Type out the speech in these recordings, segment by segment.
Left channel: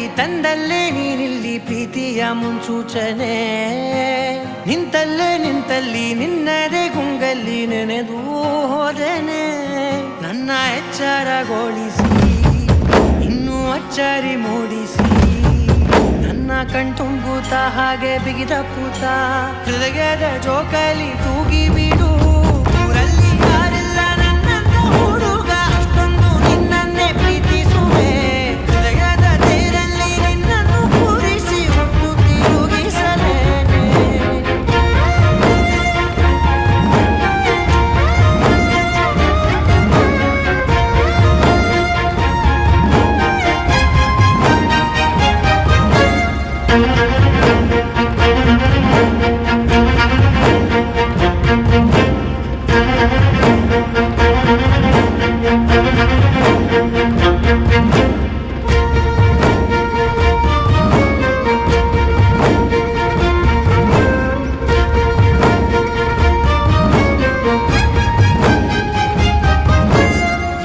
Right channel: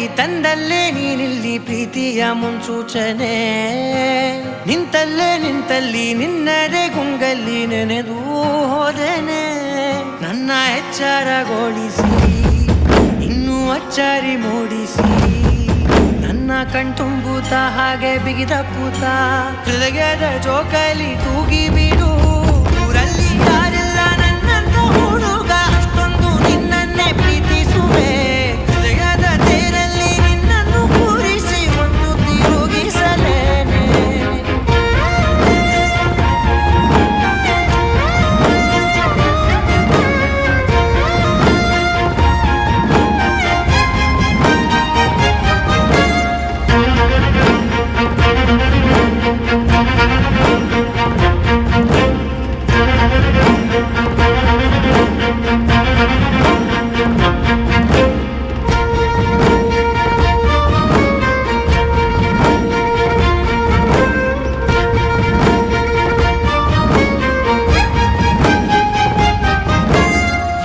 ಗೆಳತಿ ತಂದಲ್ಲೇ ನೀನಿಲ್ಲಿ ಪ್ರೀತಿಯ ಮುನ್ಸೂಚನೆ. ನಿಂತಲ್ಲಿ ನಿನ್ನದೇ ಗುಂಗಲ್ಲಿ ನೆನೆದು ಹೋದನೆ. ನನ್ನ ಎಚ್ಚರಗೊಳಿಸಿ ಇನ್ನೂ ಅಚ್ಚರಿ ಮೂಡಿಸಿ, ನನ್ನ ಕಣ್ತುಂಬುತ್ತ ಹಾಗೆ ಬಿಗಿದ ಪೂತ ಹೃದಯದ ಜೋಕಾಲಿ ತೂಗಿ ಬಿಡು. ಊರಲ್ಲಿ ಯಾರಿಲ್ಲ ನನ್ನಂತ ಹುಡುಗ, ಅಷ್ಟೊಂದು ನಿನ್ನನ್ನೇ ಪ್ರೀತಿಸುವೆ. ಹೃದಯದ ತೇರಲ್ಲಿ ನಿನ್ನನ್ನು ಕೂರಿಸಿ ಹೊತ್ತು ತಿರುಗಿಸಲೇನೆ.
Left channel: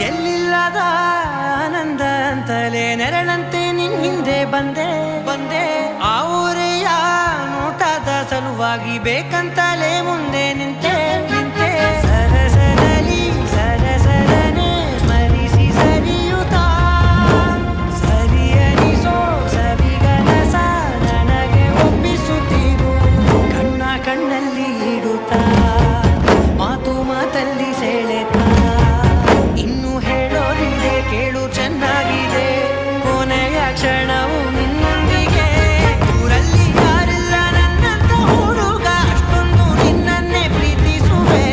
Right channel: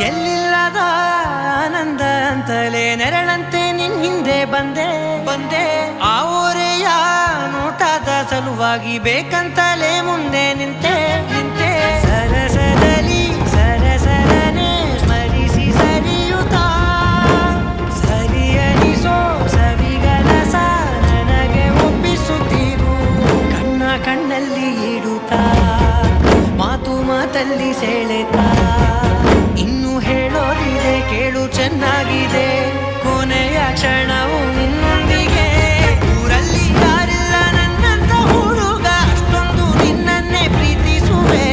ಎಲ್ಲಿಲ್ಲದ ಆನಂದ ಅಂತಲೇ ನೆರಳಂತೆ ನಿನ್ ಹಿಂದೆ ಬಂದೆ. ಆ ಊರೆಯ ನೋಟದ ಸಲುವಾಗಿ ಬೇಕಂತಲೇ ಮುಂದೆ ನಿಂತೆ. ಸರಸದಲ್ಲಿ ಸರಸರನೆ ಸ್ಮರಿಸಿ ಸರಿಯುತ್ತಾ, ಸರಿಯನಿಸೋ ಸವಿಗನಸ ನನಗೆ ಒಪ್ಪಿಸುತ್ತೀರು. ಕಣ್ಣಲ್ಲಿ ಇಡುತ್ತಾ, ಮಾತಲ್ಲಿ ಸೆಳೆತಾ, ಇನ್ನು ಹೇಳೋದಿದೆ ಕೇಳು ಚೆನ್ನಾಗಿದೆ. ಕೊನೆಯ ಕ್ಷಣವು ನಿನ್ನೊಂದಿಗೆ. ಊರಲ್ಲಿ ಯಾರಿಲ್ಲ ನನ್ನಂತ ಹುಡುಗ, ಅಷ್ಟೊಂದು ನಿನ್ನನ್ನೇ ಪ್ರೀತಿಸುವೆ.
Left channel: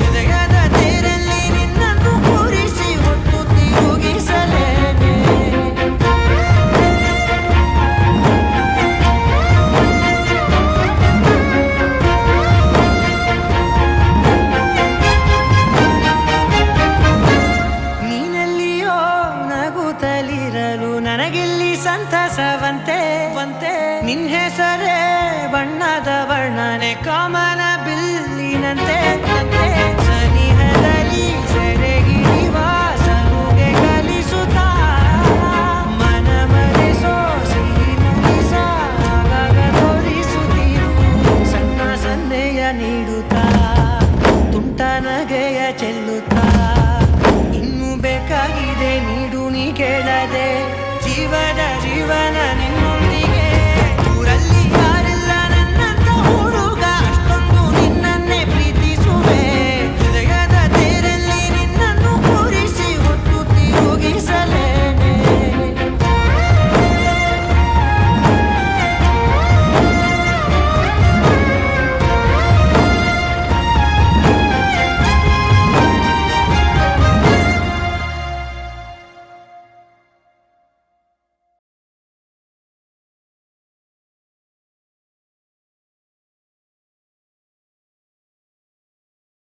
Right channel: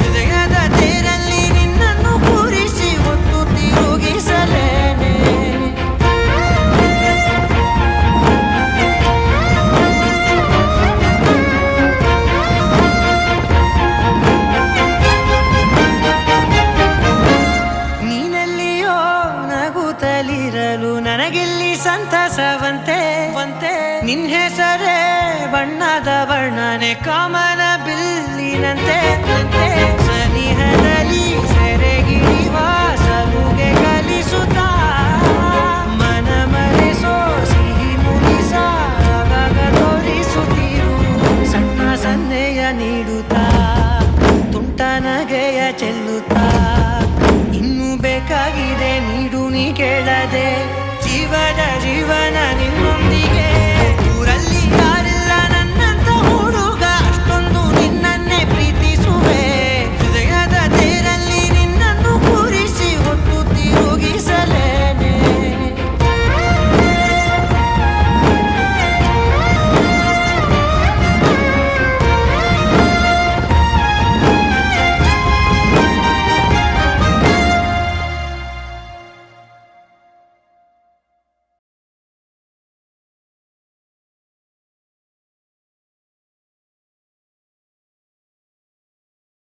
ಹೃದಯದ ತೇರಲ್ಲಿ ನಿನ್ನನ್ನು ಕೂರಿಸಿ ಹೊತ್ತು ತಿರುಗಿಸಲೇನೆ. ನೀನೆಲ್ಲಿಯೋ ನಗುತ್ತಲಿರಲು ನನಗಿಲ್ಲಿ ಸಂತಸವಂತೆ. ನಿನ್ ಹೆಸರೇ ಬಣ್ಣದ ವರ್ಣನೆ ಕಾಮನ ಬಿಲ್ಲಿನಂತೆ. ಸನಿಹದಲ್ಲಿ ಸೆರೆ ಹಿಡಿಯುವ ಸಲುಗೆ ಕಲಿಸುತ್ತಾ, ಮನ ಮರೆಸೋ ಸಿಹಿ ಮುನಿಸ ಆಗಾಗ ತೋರಿಸುತ್ತೀರು. ಸಣ್ಣ ಸನ್ನೆಯ ನೀಡುತ್ತಾ, ತುಂಟ ನಗೆಯ ಚೆಲ್ಲುತ್ತಾ, ಇನ್ನು ಬೇಕಾಗಿದೆ ನೀಡು ನೀ ಕೇಳದೆ. ಜೀವನ ನಿನ್ನೊಂದಿಗೆ. ಊರಲ್ಲಿ ಯಾರೇ